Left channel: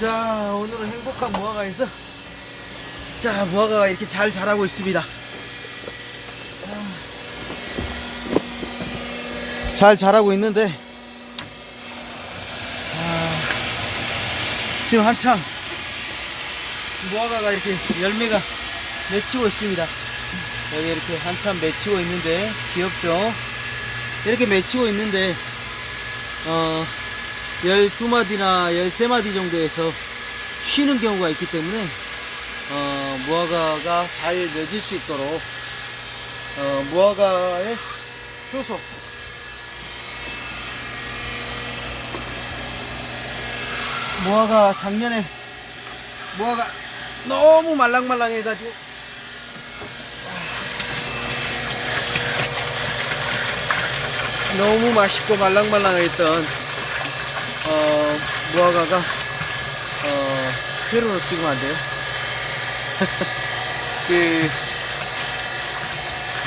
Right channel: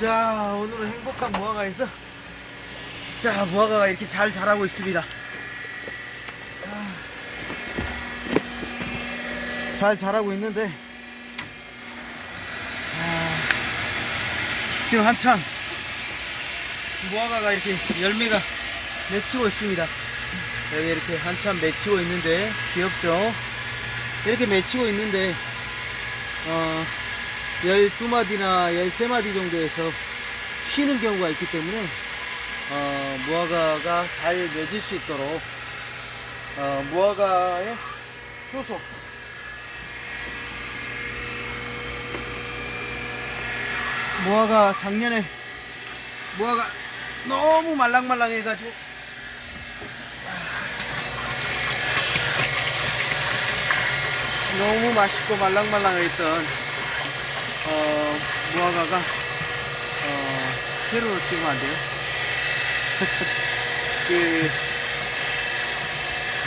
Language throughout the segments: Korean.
자, 오늘은 행복한 무화과에서 자, 무화과가 이렇게 잘 자라고 있습니다. 잘 자라고 있는데 아, 지금 한참 무화과가 이렇게 열매가 맺히고 있습니다. 여기 이렇게 한참 맺히고 있는데 귀엽죠? 이렇게 맺히고 있는데 어 12마디나 13마디 정도에서 쉬는 경우가 있기 때문에 어, 무화과가 잘 맺을 수 있도록 어, 무화과의 효소. 무화과 작년에 무화과 너무 말랑말랑해가지고. 너무 맛있고 말랑말랑했던 어, 무화과가 어, 새로 찍으면 안 돼요. 그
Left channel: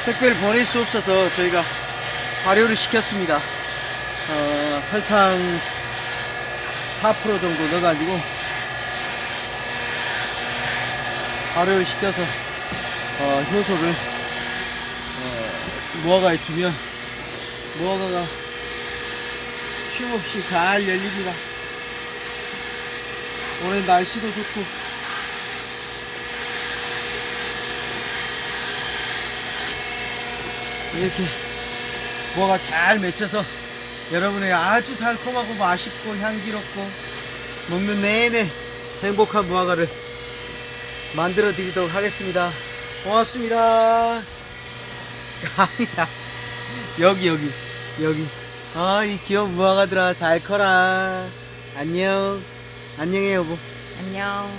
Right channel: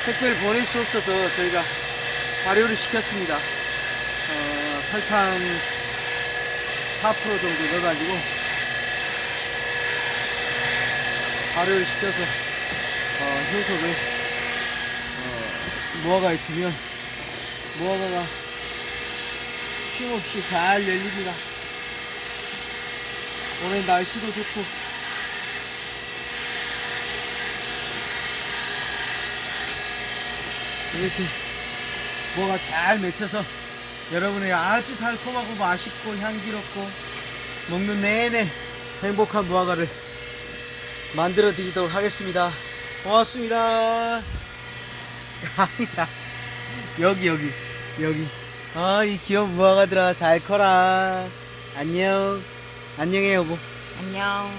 택배를 보낼 수 없어서 저희가 발효를 시켰습니다. 어, 설탕 4% 정도 넣어가지고 발효를 시켜서 어, 효소를 어, 무화과에 주면 무화과가 쉼없이 잘 열립니다. 올해 날씨도 좋고 이렇게 무화과 잘 맺혀서 여러분의 아주 달콤하고 맛있고 향기롭고 먹는 내내 행복한 무화과를 만들어 드리도록 하겠습니다. 고맙습니다. 아니야. 여기 여기 여기 아 이 귀여운 무화과들아 잘 커라. 안녕. 안녕해 여보. 안녕.